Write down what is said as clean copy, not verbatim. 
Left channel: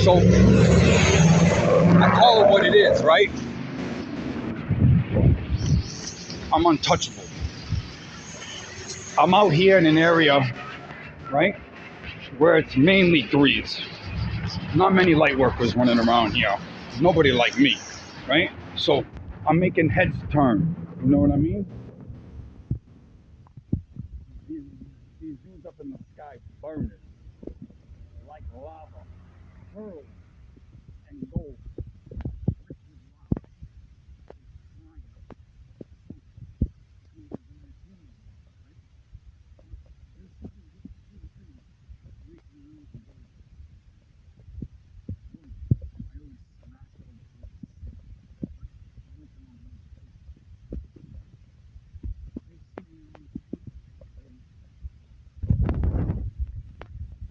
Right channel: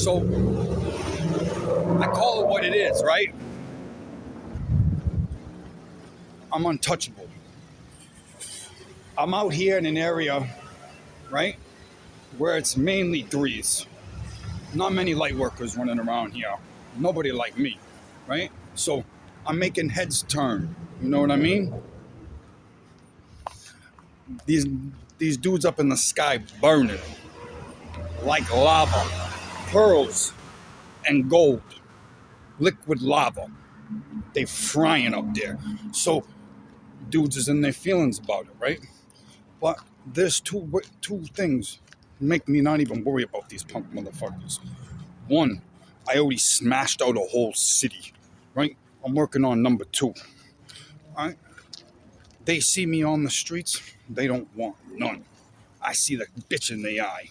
So I call it what it is, right? I'm untouchable. I'm out here in an area, right, where it's mainly threes. Not many light workers running around here. Nobody like me, right? So I'm making heads turn. You know what I mean? These these dudes up in the sky burning like lava, pearls and gold, liquid lava. They frying up there. So dudes is in their feelings about it, right? But there's two things make me not even worry about these punk motherfuckers. One, I already smashed out a whole city, right? I'm working on number two. Right? They see me on the streets, they don't want none. I see the bitch in the eye.